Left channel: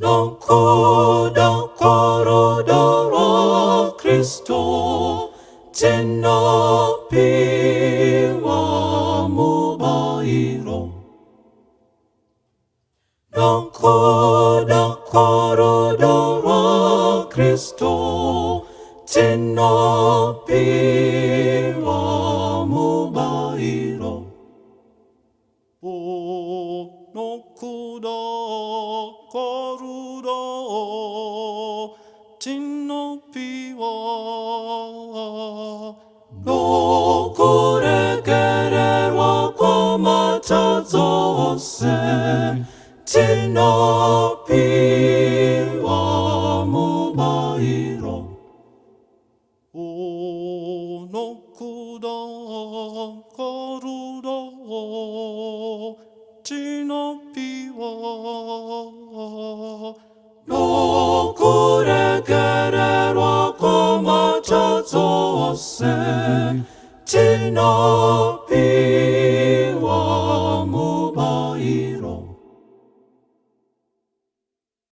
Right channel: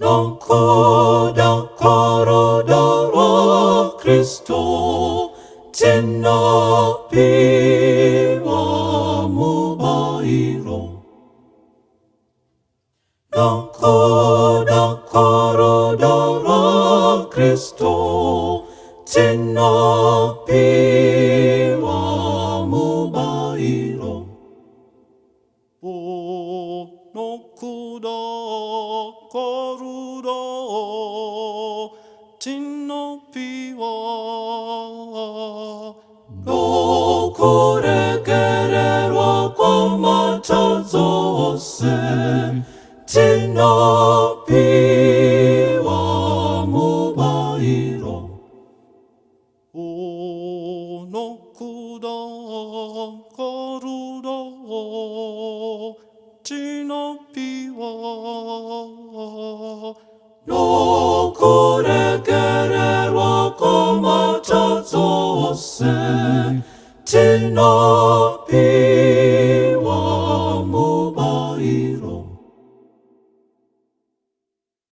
Non coda corodoro Cristo tinopiwa mubairo. Non coda corodoro Cristo tinopiwa mubairo. O no kuda koruda tinno piwa No kure kererwa komatazose tinopiwa mubairo. O no kuda koruda tinno piwa No kure kererwa komatazose tinopiwa